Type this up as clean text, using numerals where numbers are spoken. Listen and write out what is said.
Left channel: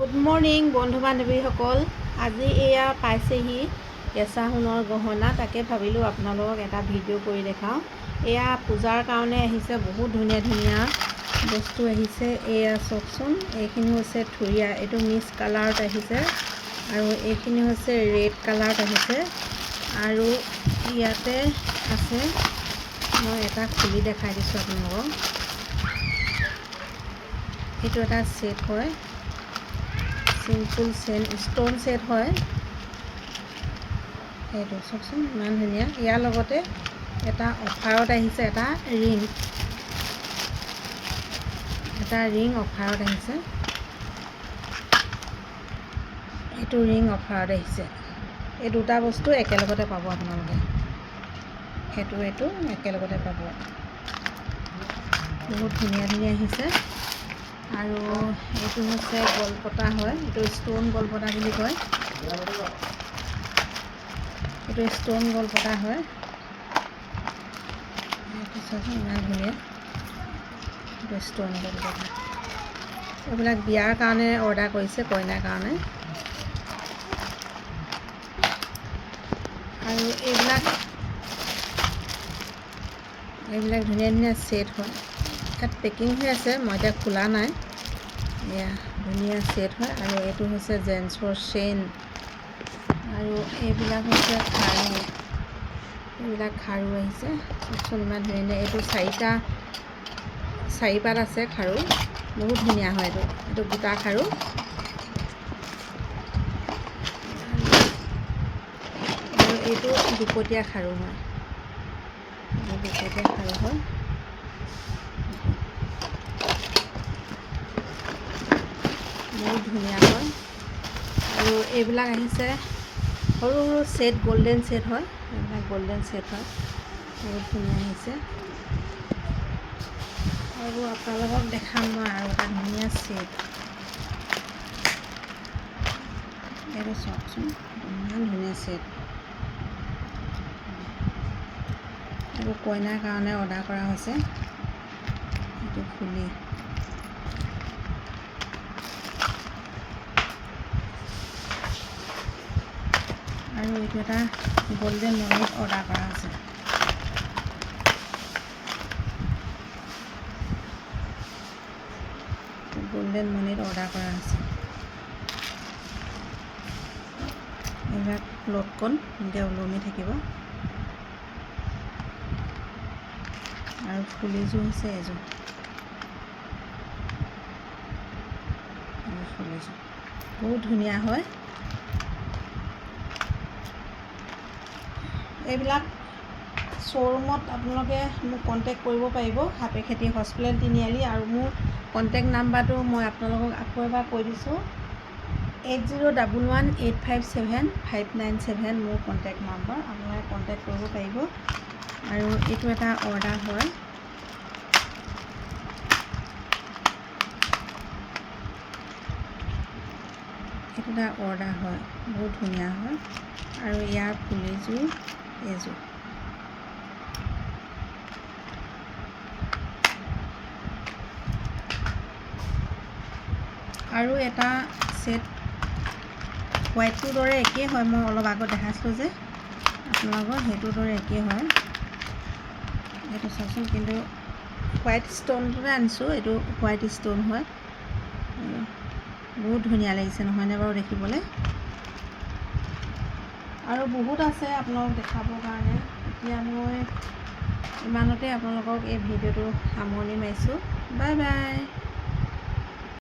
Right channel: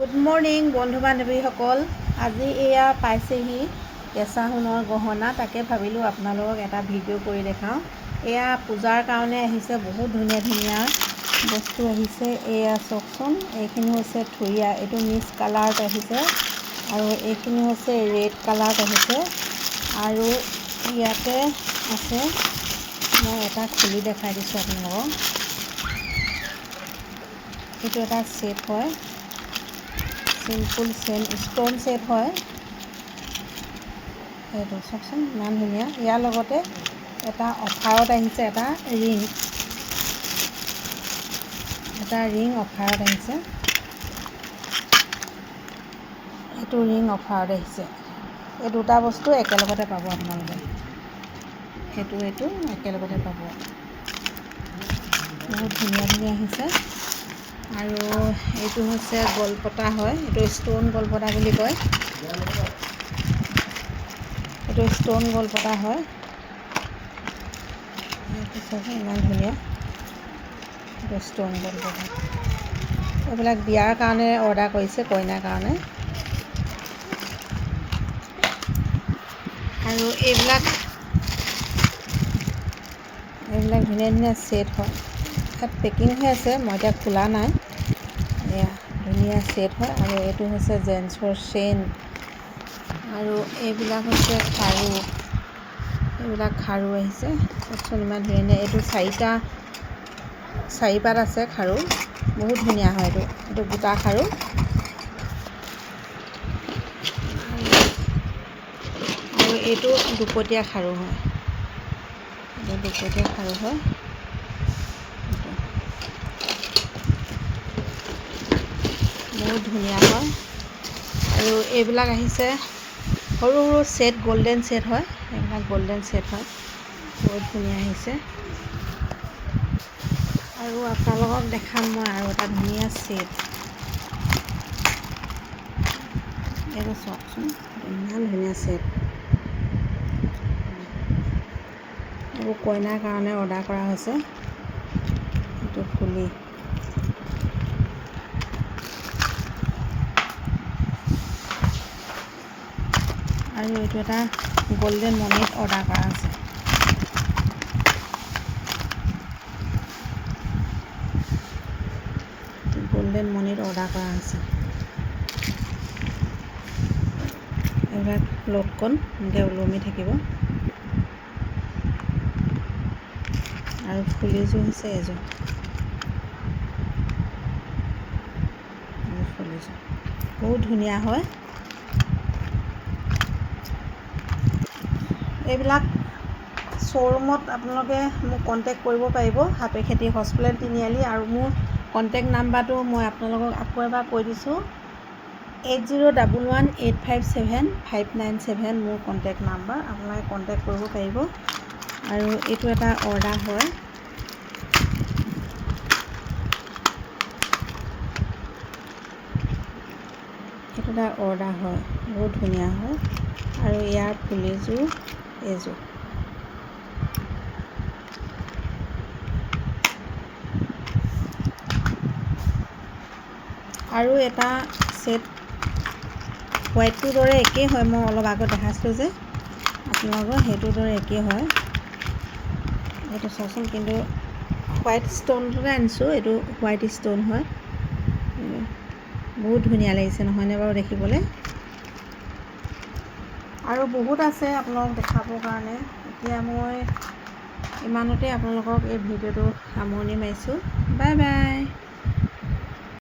Good morning বন্ধু বান্ধৱীসকল। আজি এয়া পাইছেহি কেঁচা সোণৰ গহনা। তাকে ভাবিলোঁ আপোনালোকক এটা ভিডিঅ' কৰি দেখাওঁ। এয়া পূজাৰ কাৰণে আহিছে, বহুত ধুনীয়া ধুনীয়া বস্তু আহিছে। এয়া চাওকচোন, এইখিনি হৈছে থুৰীয়া, এইটো মিক্স কালাৰত আহিছে, আৰু এইখিনি হৈছে ৰেড কালাৰত আহিছে। আৰু ইয়াতে আছে, মই এটা খুলি দেখাই দিছোঁ আপোনালোকক। এইটো এটা ছেট হয়, চিম্পুল ষ্ট'ন ছেট হয়। সেইটো চাওকচোন, ইমান ধুনীয়া। ইয়াৰ লগতে এটা অফাৰত আহিছে, এটা ৰিং অফাৰত আহিছে। এইটো ৰিং অফাৰত আহিছে। এই দুটা বস্তু একেলগতে পাব আপোনালোকে, এইটো একেলগতে পাব। বহুত ধুনীয়া ধুনীয়া আহিছে। আৰু এইটো হৈছে গলপতা হয়, এইটো ষ্ট'ন গলপতা বুলি কয়। এইটো ষ্ট'ন গলপতা হয়। এইটো চাওকচোন, ইমান ধুনীয়া। এইটো ষ্ট'ন গলপতা। এইবিলাক বিয়াৰ কাৰণে অৰ্ডাৰ কৰিছে, কইনাৰ কাৰণে। আৰু এইবিলাক ধুনীয়া ধুনীয়া ছেট হয়। ইয়াত পেকিং হৈ আছে, মই এতিয়া খোলা নাই। এয়া ধুনীয়া ছেট হয়। আৰু এইটো হৈছে জেন্টছৰ চেইন। আৰু এইবিলাক হৈছে খাৰু, আহিছে চাওকচোন, ইমান ধুনীয়া ধুনীয়া। এইটো চাৰিপাত আছে খাৰু, বহুত ধুনীয়া হয়। এইটো গোটা খাৰু। আৰু এইটো দুপতীয়া খাৰু হয়, বহুত ধুনীয়া হয়। আৰু এইবিলাক আহিছে সৰু সৰু ছেট, গল্ডেন ছেট হয়। এইবিলাক গল্ডেন ছেট হয়, বহুত ধুনীয়া আহিছে। আৰু আপোনালোকক দেখাম মই আৰু এটা ধুনীয়া ছেট। এইটো চাওকচোন, ইমান ধুনীয়া ছেট। এইবোৰ কইনাৰ কাৰণে অৰ্ডাৰ কৰা হৈছে। এইটো ফুলি, আৰু এইটো এটা গল্ডেন মণিত অৰ্ডাৰ কৰা আছে। গল্ডেন মণিত অৰ্ডাৰ কৰা আছে। এইবিলাক লটকন এনেকৈ ওলমি থাকিব। আৰু ফুলিযোৰ হৈছে এযোৰ, ফুলিযোৰ বহুত ধুনীয়া হয়। এইবিলাক শ্ব'ৰুমত আপোনালোকে মোক কণ্টেক্ট কৰিব পাৰিব, সাপেখেতি হস্পিটেল তিনিআলি। আৰু মোৰ কণ্টেক্ট নাম্বাৰটো মই আপোনালোকক আকৌ এবাৰ কৈ দিছোঁ, 8011857597 মোৰ কণ্টেক্ট নাম্বাৰ। আপোনালোকে কণ্টেক্ট কৰিব পাৰিব। আৰু এইটো এটা অৰ্ডাৰ হয়, বহুত ধুনীয়া হয়। আৰু ইয়াৰ ফুলিযোৰ এইযোৰ। আৰু এটা ছেট হোৱাইটটোৰ দৰে একেই হয়, মই অলপ আগত দেখাইছিলোঁ যে আপোনালোকৰ, সেইটোৰ দৰে একেই হয়। এইটো চাওকচোন, কিন্তু হোৱাইট ষ্ট'নটোকে আনিছোঁ, এইটো হোৱাইট ষ্ট'ন হয়। বহুত ধুনীয়া লাগিছে নহয়নে বাৰু দেখিবলৈ। আৰু বহুত আছে আপোনালোকক দেখাবৰ কাৰণে। এতিয়া মই ইমানতে আপোনালোকক এই ভিডিঅ'টো সামৰণি মাৰিছোঁ। Bye bye.